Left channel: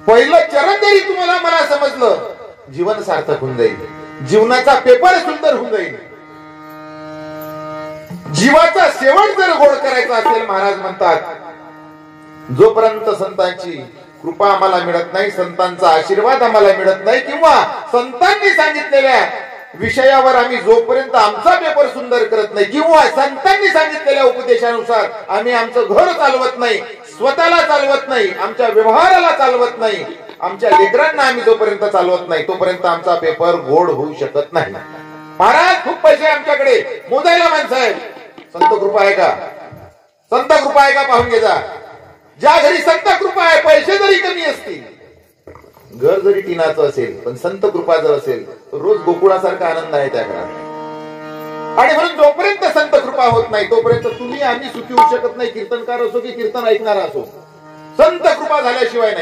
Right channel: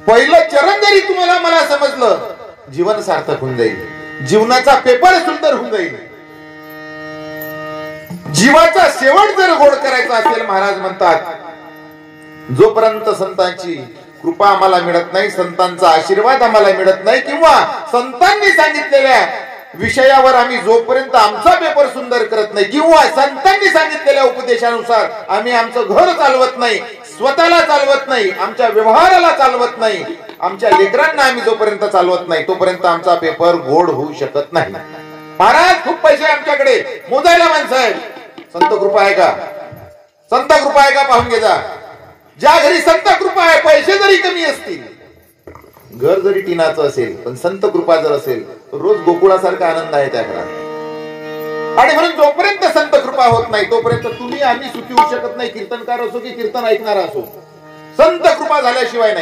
पहिलं चरण जरी तुम्हाला मला समजलं, जीवन सार्थक होऊन जाईल, जीवनाचा पेपर सुंदर होऊन जाईल. जीवाचा शेवट जर गोड करायचा असेल, महाराज म्हणतात, जोपर्यंत संतांची कृपा आम्हाला मिळत नाही, संतांचा आशीर्वाद आम्हाला मिळत नाही, किंवा संतांनी सांगितलेल्या विषयावर आम्ही जोपर्यंत आमचा पेपर सुंदर करत नाही, किंवा संतांनी सांगितलेल्या उपदेशानुसार आम्ही आमचं घर चालवत नाही, स्वतःला चालवत नाही, आमच्या व्यवहाराला चालवत नाही, आमच्या लेकरांना आम्ही जोपर्यंत चालवत नाही, तोपर्यंत आमचा पेपर गोड होऊ शकत नाही. महाराज, खूप पैसे आमच्याकडे, मोजायला माणसं आहे, संत कृपा आहे का? संत कृपा आहे का? पाहून घे जा. ज्या घरी संत कृपा आहे, पैसे जरी कमी असतील, घर जरी टिनाचं असेल, पण संत कृपा जर असेल, तर रोज गोकुळासारखा आनंद आहे त्या घरात. आणि म्हणून जोपर्यंत संत कृपा होत नाही, तोपर्यंत तुम्ही आम्ही सुखी होऊ शकत नाही. कीर्तनकार असो की कीर्तन ऐकणारा असो, संत कृपा झाल्याशिवाय नाही.